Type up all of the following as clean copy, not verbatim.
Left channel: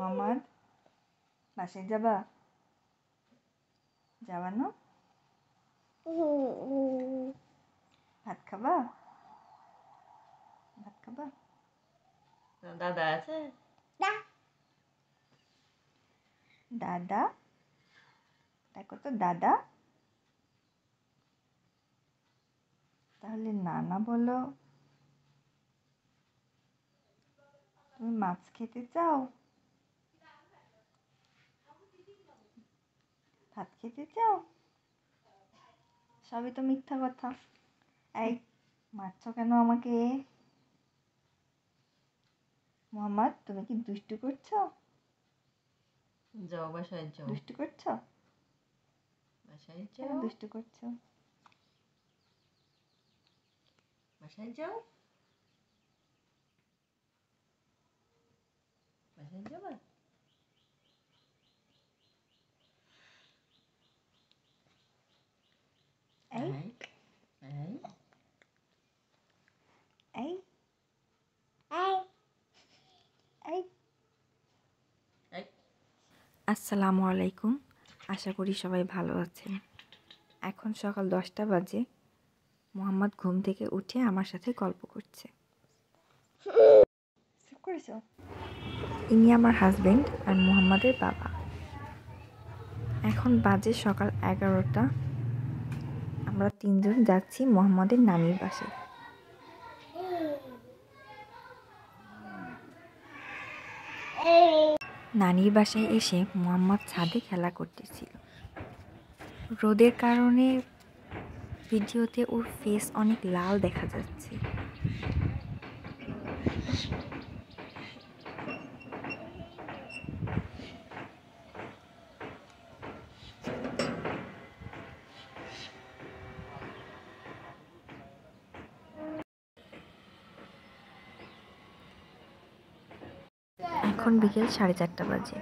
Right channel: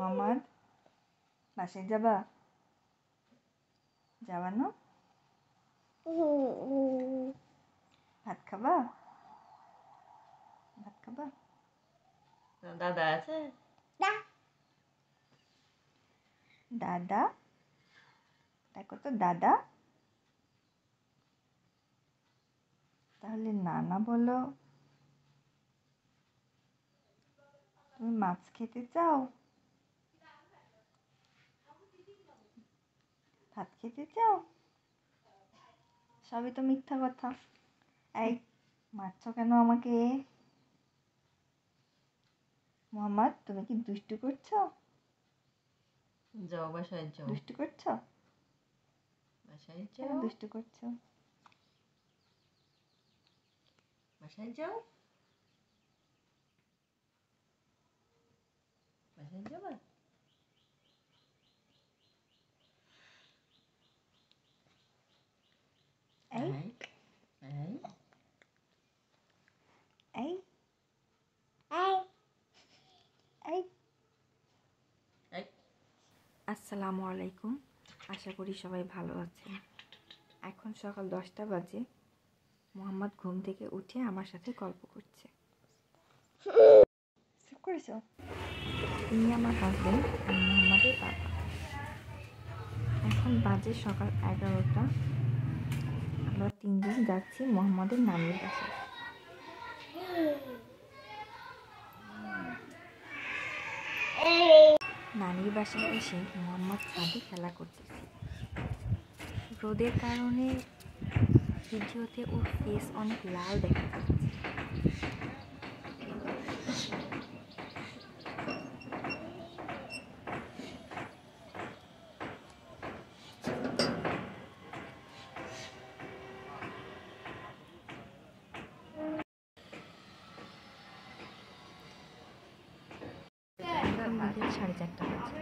মোহাম্মদ, বাসায় যাবা? যাবা না? ভাত খাবা? ভাত খাবা? দাদা আছে? দাদা, দেখো তো দাদা। তাহলে নানা বলো। তুমি মাছ খেতে চাও? ভাত খেতে চাও? সবই তো মিথ্যা কথা। এই, মারছো কেন আমাকে? মোহাম্মদ, তুমি কি দুষ্টু করছো? যাও বাসায় যাও। দুষ্টু করছো? বাসায় কেন যাও। দুষ্টু করছো? বাসায় যাও। বাসায় যাবা? এই এই এই এই। এই আসসালামু আলাইকুম। আশা করি সবাই ভালো আছেন। এখন সকাল 10টা বাজে। মোহাম্মদ ঘুম থেকে উঠে আমার সাথে গল্প করছে। ইনি আমার হাজবেন্ড আর মোহাম্মদের বাবা। এখন বাজে সকাল 11টা। আমরা 3জন যাচ্ছি মোহাম্মদের নানির বাসায়। নানির বাসায় এসে মোহাম্মদ ছাদে খেলা করতেছিল। রোদের কারণে ভিডিওতে ওর ফেস অনেক লাল দেখা যাচ্ছে। এখন বিকেল 4:30 বাজে।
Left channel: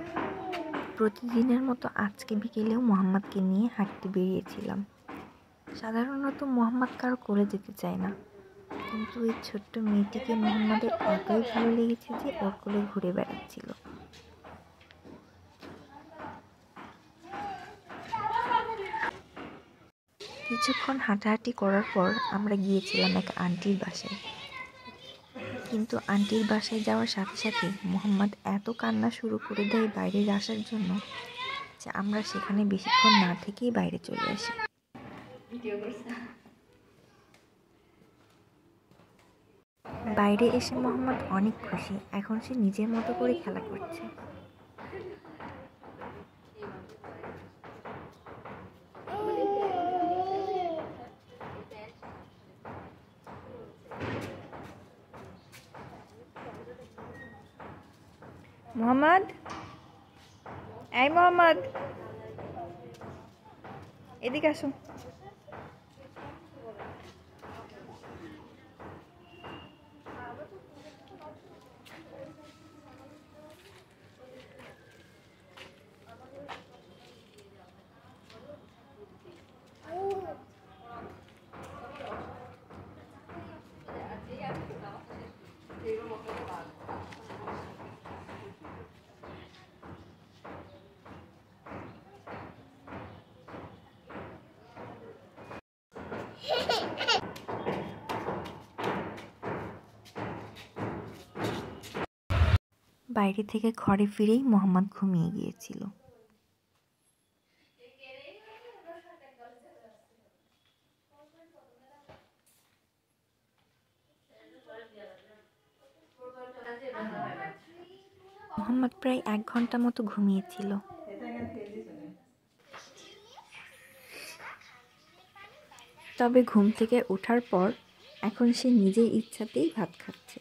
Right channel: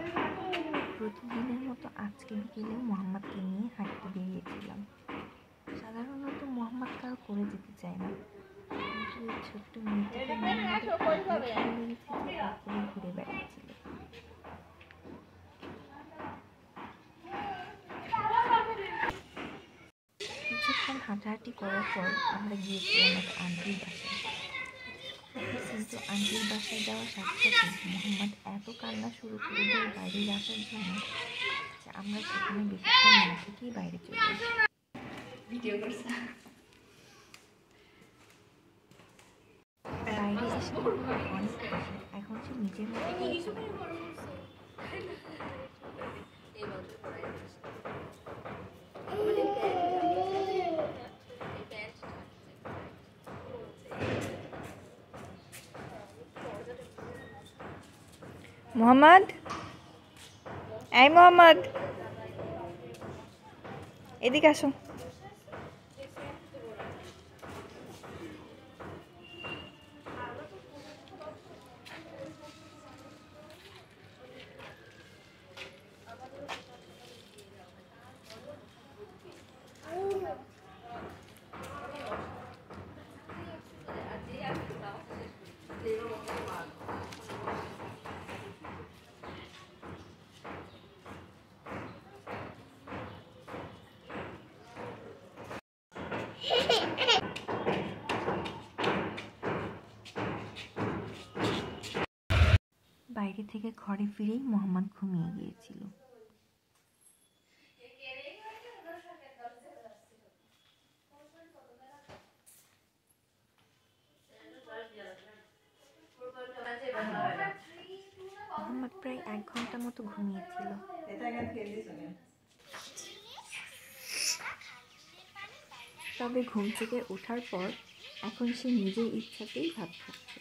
প্রতিদিনের মতো আজকে বিকেলেও মোহাম্মদকে নিয়ে হাঁটতে বেরিয়েছিলাম। সাধারণত মোহাম্মদ কারো কোলে যেতে চায় না, কিন্তু এই ছোট্ট মেয়েটিকে মোহাম্মদের এতই ভালো লেগেছে যে ওর কোলে ঘুরে বেড়াচ্ছিল। কিছুক্ষণ হাঁটাহাঁটি করার পর আমরা গিয়েছিলাম এক আন্টির বাসায়। কিন্তু আন্টির বাসায় যাওয়ার সাথে সাথে মোহাম্মদ এত কান্না শুরু করে দেয় বাইরে আসার জন্য যে আমরা সেখানে বেশিক্ষণ না থেকেই বাইরে চলে আসি। বাইরে এসে মোহাম্মদ অনেক খুশি। এখন সে নিজের মতো করে খেলা করছে। মোহাম্মদ, এই মোহাম্মদ, এদিকে আসো। বাইরে থেকে ঘরে ফিরেই মোহাম্মদ ঘুমিয়ে গিয়েছিল। মোহাম্মদ প্রায় 1 ঘন্টা মতো ঘুমিয়েছিল। তবে ঘুম থেকে ওঠার পর এখন সে নিজের ইচ্ছাতেই ভাত খাচ্ছে।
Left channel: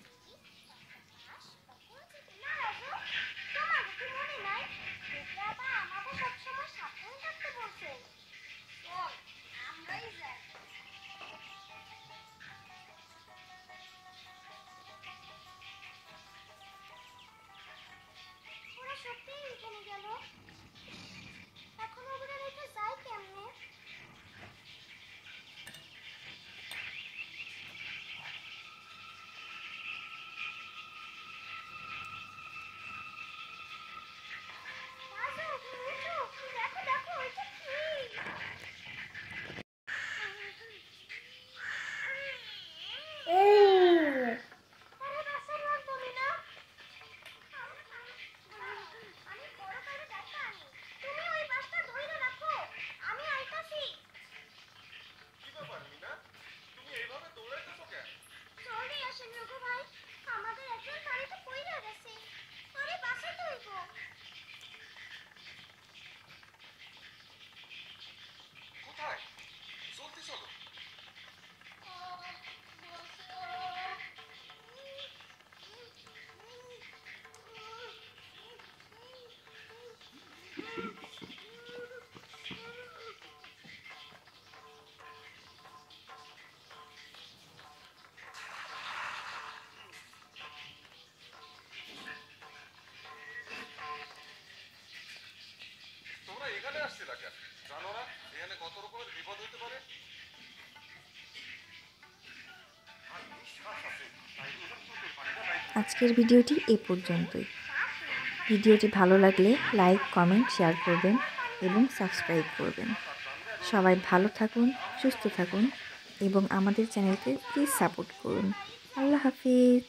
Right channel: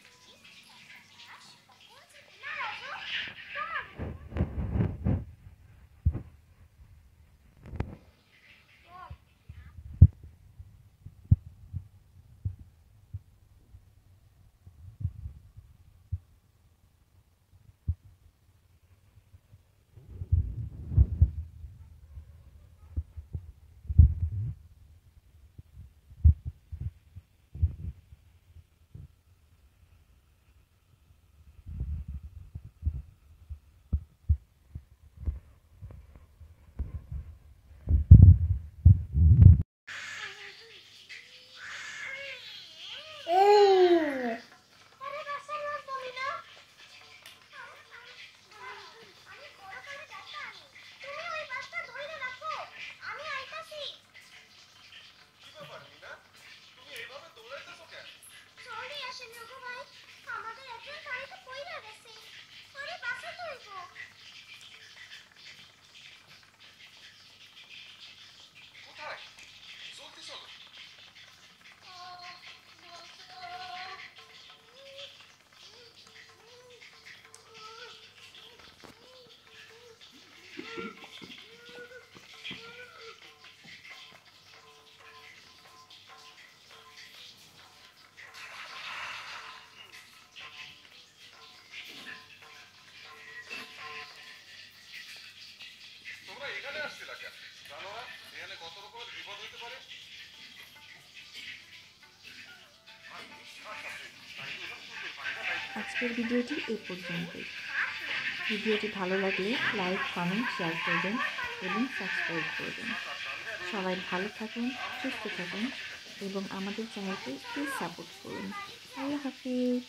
আজকের ভিডিওটি এ পর্যন্তই। ভিডিওটি ভালো লাগলে লাইক, কমেন্ট, শেয়ার করবেন এবং সাবস্ক্রাইব করবেন। সবাই ভালো থাকুন, সুস্থ থাকুন এবং আমাদের চ্যানেলকে প্লিজ সাপোর্ট করুন। আল্লাহ হাফিজ।